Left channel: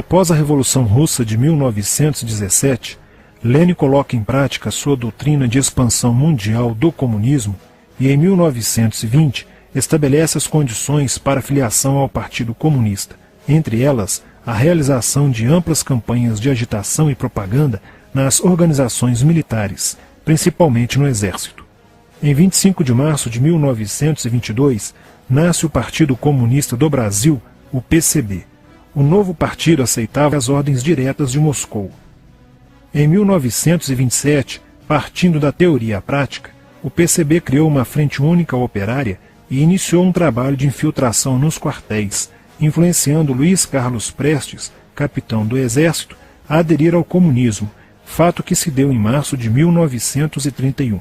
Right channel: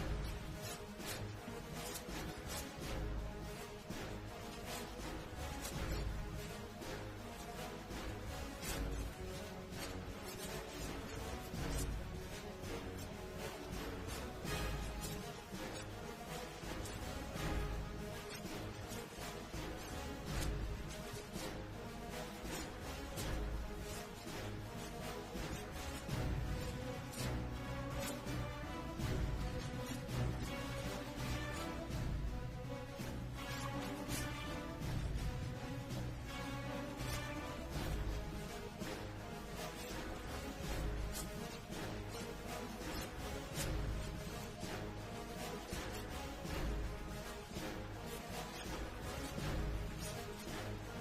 Após a Revolução Russa de 1917, Lenin coloca em prática sua doutrina de expansão mundial do comunismo e, em 1920, estabelece as condições para a filiação ao Partido Comunista, entre elas a realização de amplas campanhas de agitação e propaganda nas organizações militares, principalmente no Exército. Em 25 de março de 1922, nasce o Partido Comunista do Brasil, o PCB. O novo partido aceitava as ordens diretas de Moscou. Em 1927, partindo da teoria à prática, o PCB criou uma frente única operária e iniciou um trabalho de infiltração nos quartéis, influenciando Luiz Carlos Prestes, capitão do Exército, a aderir ao comunismo, fato que se deu em março de 1931.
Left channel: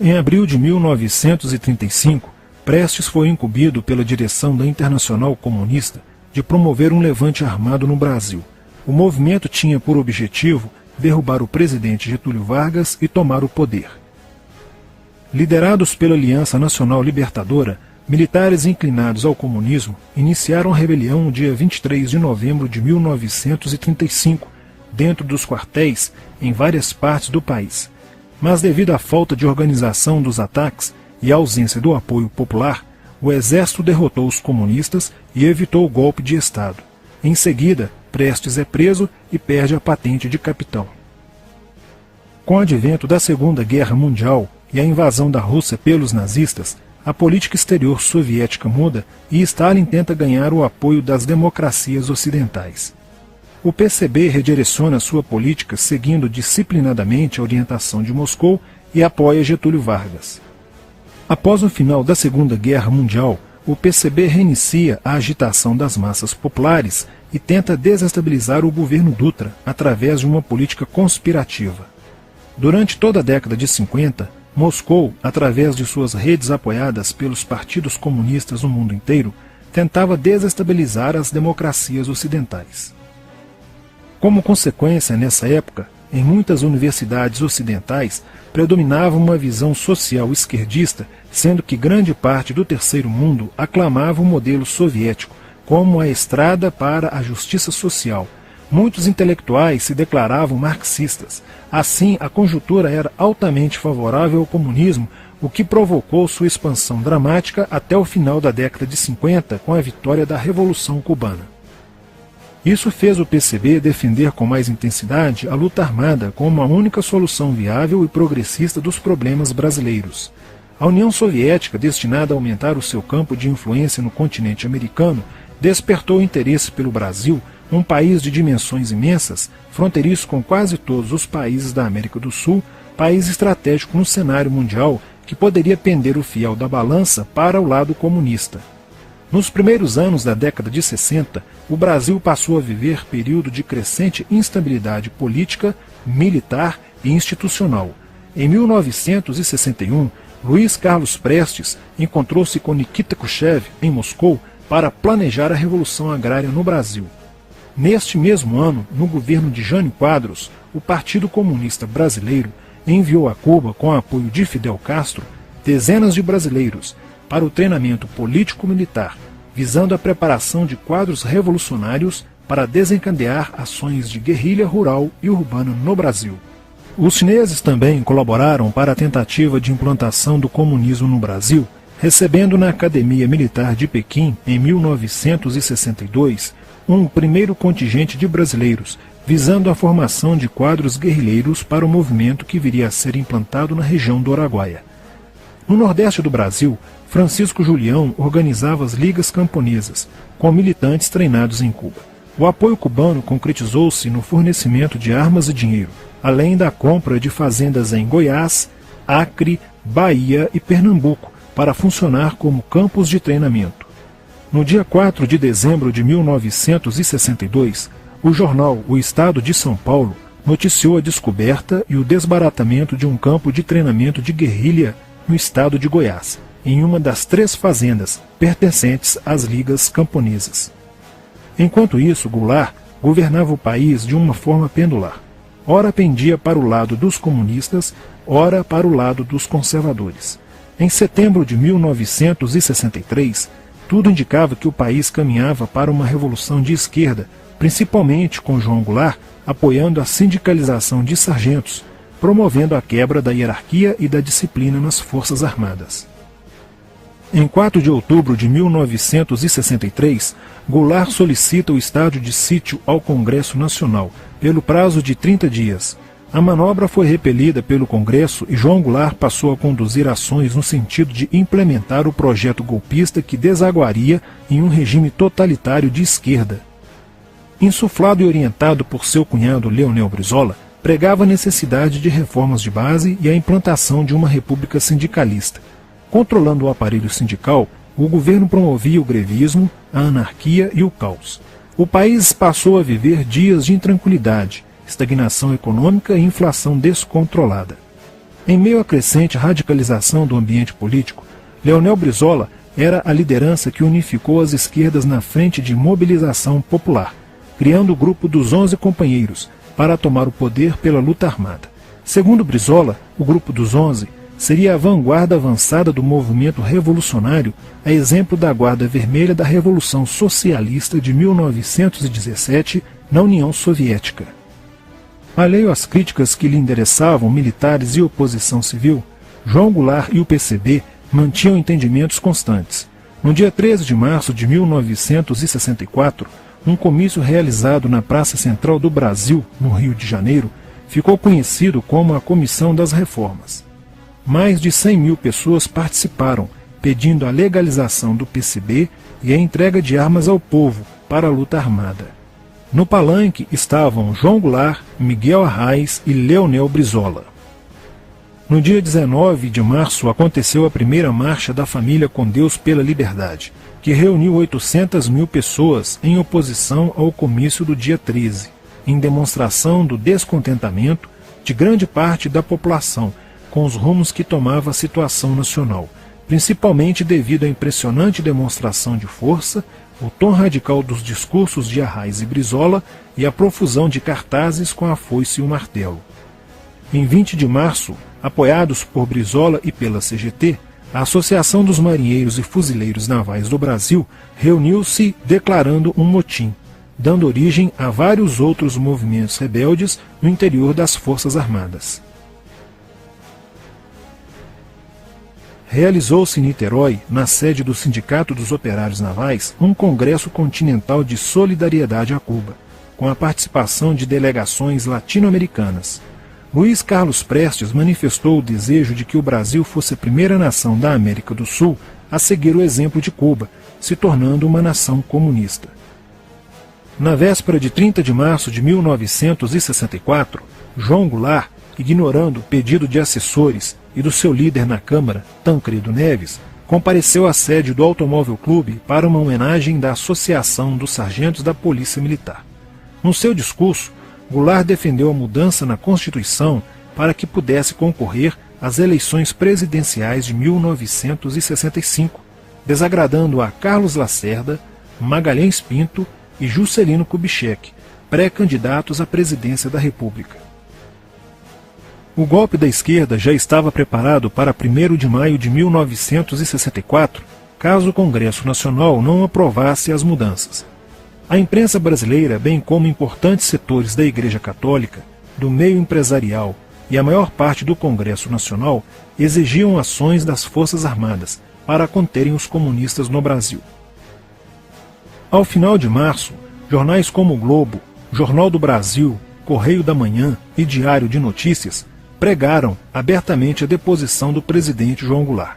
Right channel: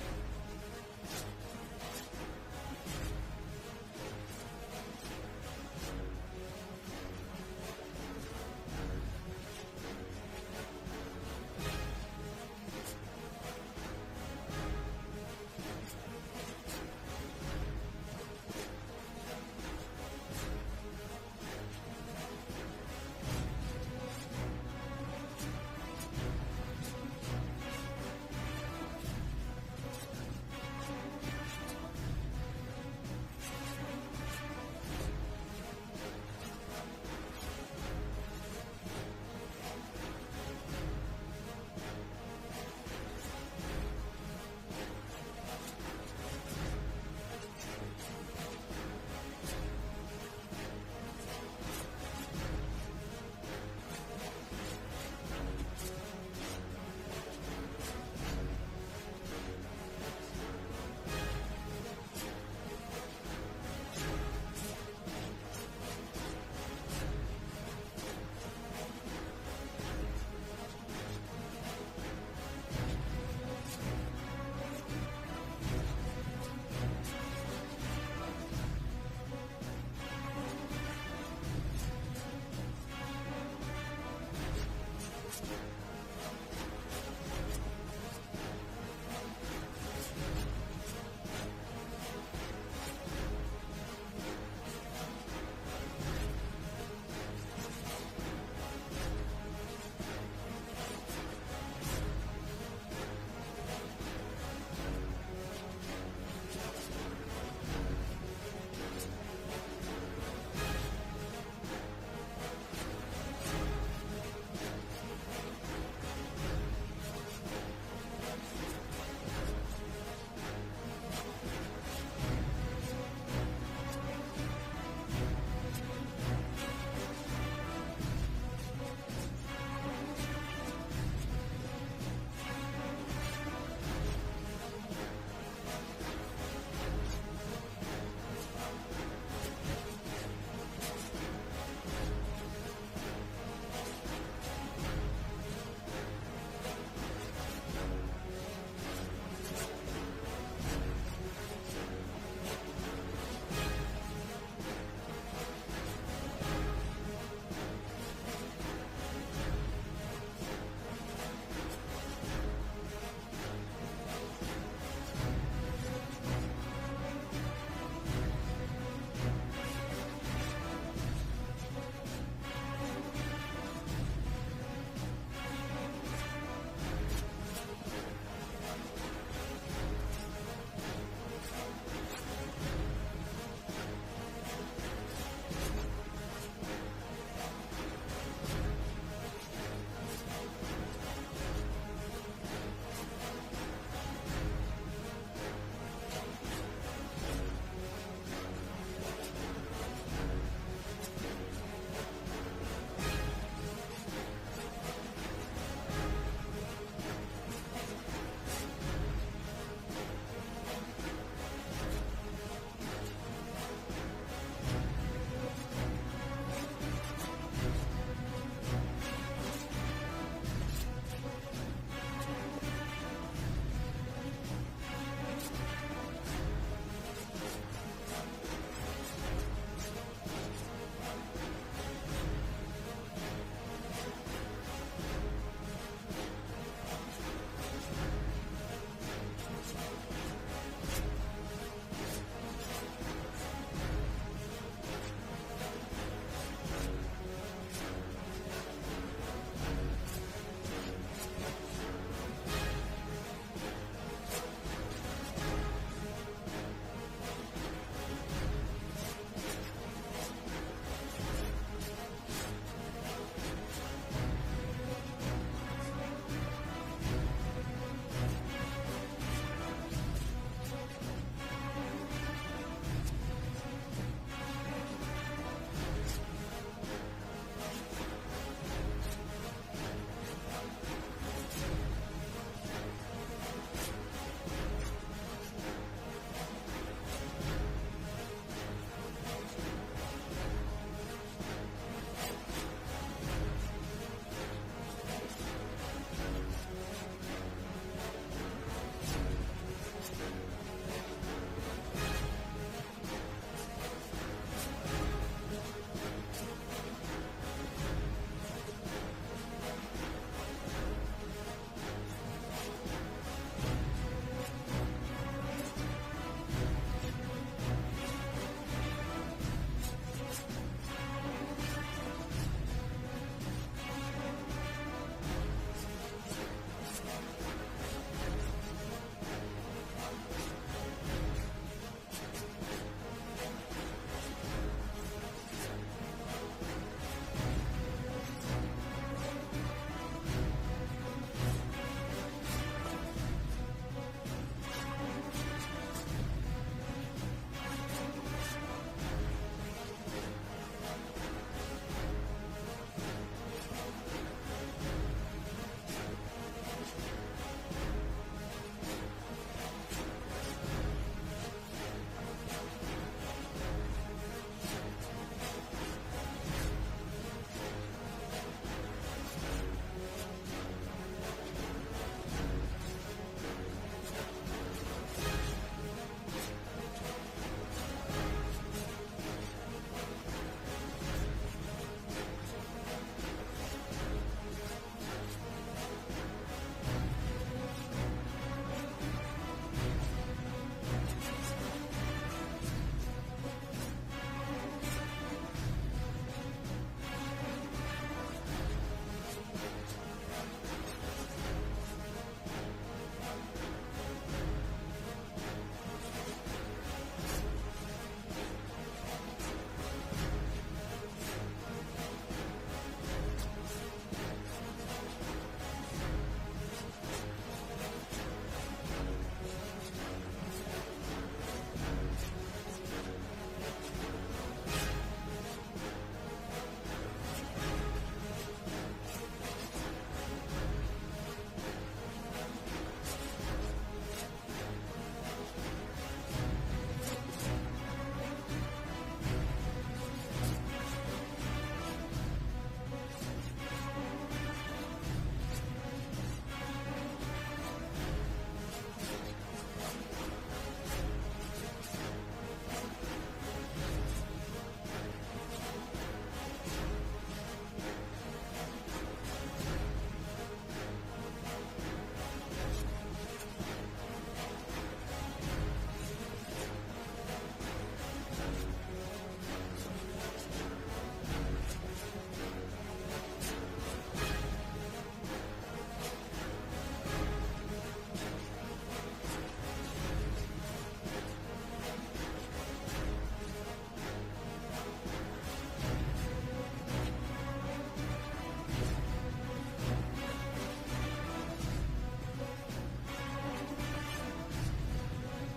Em abril de 1935, Prestes foi incumbido pela direção da Internacional Comunista de promover um levante armado no Brasil. O movimento tinha por objetivo derrubar o presidente Getúlio Vargas e tomar o poder. Liderados pela Aliança Nacional Libertadora, militares inclinados ao comunismo iniciaram a rebelião no dia 23 de novembro de 1935, dentro dos quartéis em várias partes do país. Mas devido à falta de organização dos ataques e à ausência do apoio popular, o exército derrotou os comunistas e evitou o golpe de Estado. Em seguida, Prestes é preso e perde a patente de capitão. Com o advento da Segunda Guerra Mundial e a invasão da Rússia pelos nazistas, a política exterior soviética muda e Stalin tenta ganhar o apoio das democracias ocidentais. O PCB redireciona sua política seguindo disciplinadamente a orientação de Moscou e apoia Getúlio Vargas. Após o final da Segunda Guerra Mundial, o PCB reinicia a agitação das massas populares e tenta desestabilizar o governo Dutra através de uma política conspirativa. Durante toda a década de 50, Moscou, através de suas redes apoiadas pelos partidos comunistas no mundo inteiro, tentava desestabilizar as democracias ocidentais. Como consequência, nessa época, em muitas universidades ocidentais, predominava uma visão social esquerdista, sendo que grande parte do terceiro mundo aclamava o modelo soviético como a estrada para a justiça social. Muitos intelectuais se declaravam marxistas. Assim, a conjuntura era altamente favorável ao comunismo, o que provocou sua expansão dramática até o final da década de 50, com a vitória da Revolução Cubana. Isso fez o PCB defender com mais intensidade a luta armada como a única solução viável e progressista dos problemas brasileiros. A União Soviética, destinada a aumentar o seu campo de influência no continente americano, despertou interesse pelo Brasil, um país de dimensões imensas, fronteiriço com quase todos os países da América do Sul, país estratégico no cenário mundial que poderia pender o fiel da balança para o lado comunista. Nos primeiros anos da década de 60, o Brasil passou a viver período de crescente instabilidade política, militar e institucional. Em 1961, Luiz Carlos Prestes encontrou-se com Nikita Khrushchev em Moscou para planejar a Revolução Agrária no Brasil. Neste mesmo ano, no governo de Jânio Quadros, o Partido Comunista Brasileiro enviou a Cuba, com o apoio de Fidel Castro, dezenas de brasileiros para o treinamento político-militar, visando a preparação de quadros revolucionários para desencadear ações de guerrilha rural e urbana no Brasil. Os chineses também colaboraram para a tentativa de implantação do comunismo no Brasil, recebendo na Academia Militar de Pequim, em 1962, um primeiro contingente de brasileiros, visando a formação de quadros guerrilheiros para o movimento que viria a ser implantado na região do Araguaia. No Nordeste do Brasil, Francisco Julião organizava as ligas camponesas, com militantes treinados em Cuba. O apoio cubano concretizou-se no fornecimento de armas e dinheiro, além da compra de fazendas em Goiás, Acre, Bahia e Pernambuco, para funcionar como campos de treinamento. No dia 4 de dezembro de 1962, o jornal O Estado de São Paulo noticiou a descoberta e o desbaratamento de um campo de treinamento de guerrilha no estado de Goiás, em uma das 3 fazendas pertencentes às ligas camponesas. Enquanto isso, Goulart governava o país de uma forma pendular. Ora pendia para o lado dos comunistas, ora para o lado dos conservadores. Em setembro de 1963, tudo indicava que o país caminhava para uma revolução de esquerda, principalmente com João Goulart apoiando a sindicalização de sargentos, promovendo a quebra da hierarquia e da disciplina nas Forças Armadas. Em 4 de outubro de 1963, Goulart solicita o estado de sítio ao Congresso Nacional, pelo prazo de 30 dias. A manobra foi repelida pelo Congresso e João Goulart passou a conduzir ações no sentido de implementar o projeto golpista que desaguaria em um regime totalitário de esquerda. Insuflado e orientado por seu cunhado Leonel Brizola, pregava a necessidade de reformas de base e a implantação de uma república sindicalista. Controlando o aparelho sindical, o governo promovia o grevismo, a anarquia e o caos. O país passou a viver dias de intranquilidade, estagnação econômica e inflação descontrolada. Em meio à crescente radicalização do ambiente político, Leonel Brizola era a liderança que unificou as esquerdas na frente de mobilização popular, criando o grupo dos 11 companheiros para tomar o poder pela luta armada. Segundo Brizola, o grupo dos 11 seria a vanguarda avançada do movimento revolucionário, a exemplo da Guarda Vermelha da Revolução Socialista de 1917 na União Soviética. Alheio às críticas que lhe endereçavam militares e oposição civil, João Goulart e o PCB mantinham entendimentos constantes. No dia 13 de março de 1964, um comício realizado na Praça Central do Brasil, no Rio de Janeiro, ficou conhecido como a Comissão das Reformas. Mais de 100 mil pessoas participaram, pedindo a legalização do PCB e a entrega de armas ao povo para a luta armada. No palanque estavam João Goulart, Miguel Arraes e Leonel Brizola. No dia 19 de março aconteceu a primeira Marcha da Família com Deus pela Liberdade, que reuniu 800 mil pessoas em oposição ao comício do dia 13, em demonstração do descontentamento de grande parte da população com os rumos que tomava a situação nacional, principalmente devido à impressionante demonstração de força, o tom radical dos discursos de Arraes e Brizola e a profusão de cartazes com a foice e o martelo. Em 20 de março, apoiados por Brizola e pela CGT, a Associação dos Marinheiros e Fuzileiros Navais do Brasil reuniu-se declarando um motim, dando origem a vários outros movimentos rebeldes no interior das Forças Armadas. Realizou-se em Niterói, na sede do Sindicato dos Operários Navais, um congresso continental de solidariedade a Cuba, com a participação de delegações latino-americanas. Luiz Carlos Prestes manifestou o desejo de que o Brasil fosse a primeira nação da América do Sul a seguir o exemplo de Cuba, se tornando uma nação comunista. Na véspera de 30 de março de 1964, João Goulart, ignorando o pedido de assessores e do seu líder na Câmara, Tancredo Neves, compareceu à sede do Automóvel Clube para uma homenagem da Associação dos Sargentos da Polícia Militar. No seu discurso, Goulart defendeu a mudança na Constituição para que pudesse concorrer às eleições presidenciais de 1965, desagradando a Carlos Lacerda, Magalhães Pinto e Juscelino Kubitschek, pré-candidatos à presidência da República. O golpe da esquerda já estava preparado para 1º de maio de 1964, caso o Congresso Nacional não aprovasse as mudanças. A imprensa brasileira, bem como importantes setores da Igreja Católica, do meio empresarial e a maior parte do Congresso Nacional, exigiam ações das Forças Armadas para conterem os comunistas no Brasil. Ao final de março, jornais como o Globo, Jornal do Brasil, Correio da Manhã e Diário de Notícias pregaram abertamente a deposição do presidente João Goulart.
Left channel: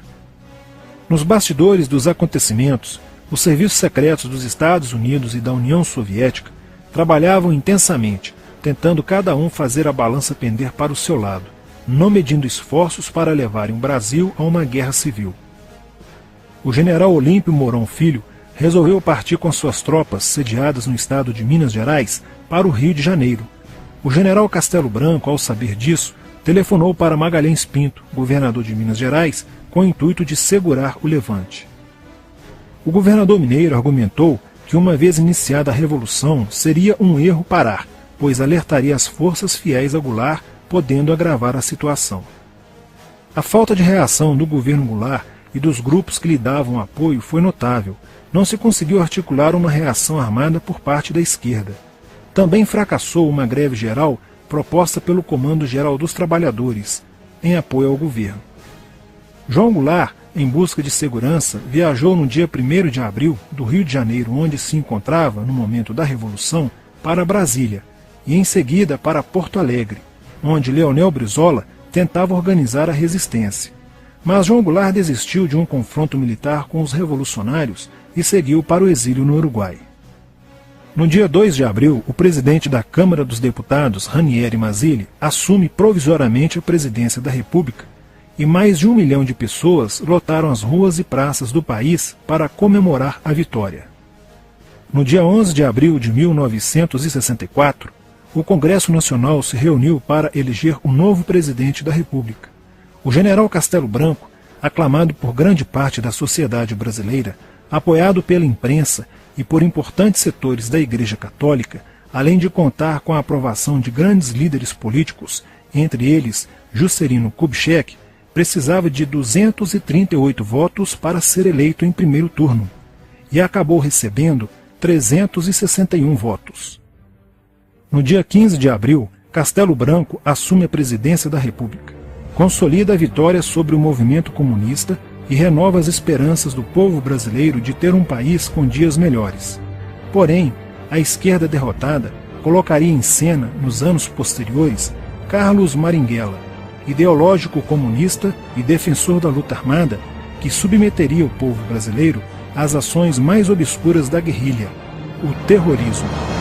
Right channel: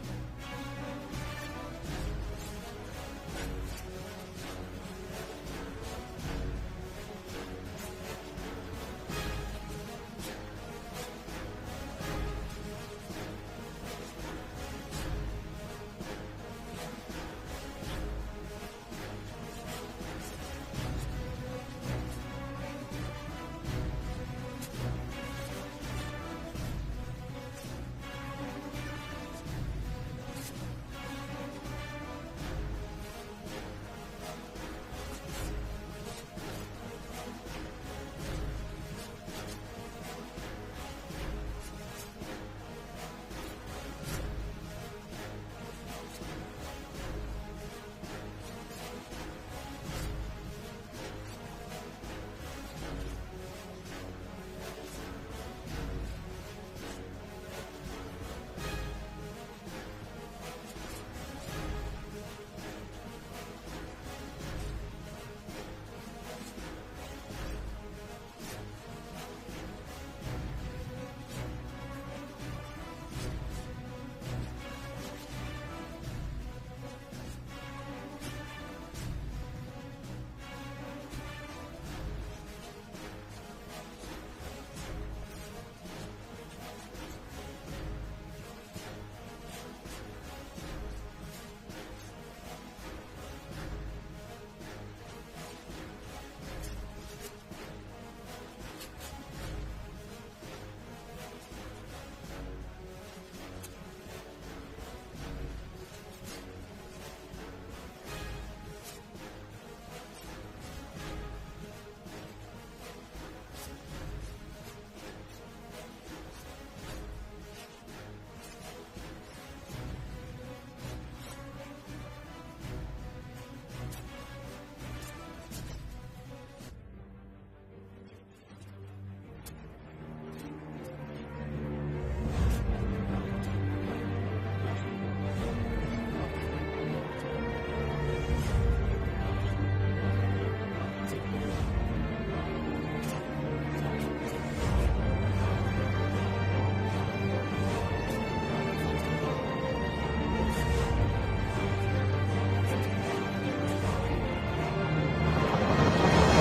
Nos bastidores dos acontecimentos, os serviços secretos dos Estados Unidos e da União Soviética trabalhavam intensamente, tentando cada um fazer a balança pender para o seu lado, não medindo esforços para levarem o Brasil a uma guerra civil. O general Olímpio Mourão Filho resolveu partir com suas tropas sediadas no estado de Minas Gerais para o Rio de Janeiro. O general Castelo Branco, ao saber disso, telefonou para Magalhães Pinto, governador de Minas Gerais, com o intuito de segurar o levante. O governador mineiro argumentou que, uma vez iniciada a revolução, seria um erro parar, pois alertaria as forças fiéis a Goulart, podendo agravar a situação. A falta de reação do governo Goulart e dos grupos que lhe davam apoio foi notável. Não se conseguiu articular uma reação armada por parte da esquerda. Também fracassou uma greve geral proposta pelo Comando Geral dos Trabalhadores, em apoio ao governo. João Goulart, em busca de segurança, viajou no dia 1º de abril do Rio de Janeiro, onde se encontrava no momento da Revolução, para Brasília e em seguida para Porto Alegre, onde Leonel Brizola tentava organizar a resistência. Mas João Goulart desistiu de um confronto militar com os revolucionários e seguiu para o exílio no Uruguai. No dia 2 de abril, o presidente da Câmara dos Deputados, Ranieri Mazzilli, assume provisoriamente a presidência da República e mais de 1 milhão de pessoas lotaram as ruas e praças do país para comemorar a vitória. No dia 11 de abril de 1964, o Congresso Nacional se reuniu para eleger o novo presidente da República. O general Castelo Branco, aclamado por grande parte da sociedade brasileira, apoiado pela imprensa e por importantes setores da Igreja Católica, além de contar com a aprovação de grandes líderes políticos, entre eles Juscelino Kubitschek, precisava de 238 votos para ser eleito em primeiro turno, e acabou recebendo 361 votos. No dia 15 de abril, Castelo Branco assume a presidência da República, consolida a vitória sobre o movimento comunista e renova as esperanças do povo brasileiro de ter um país com dias melhores. Porém, a esquerda derrotada colocaria em cena, nos anos posteriores, Carlos Marighella, ideológico comunista e defensor da luta armada, que submeteria o povo brasileiro às ações mais obscuras da guerrilha, o terrorismo.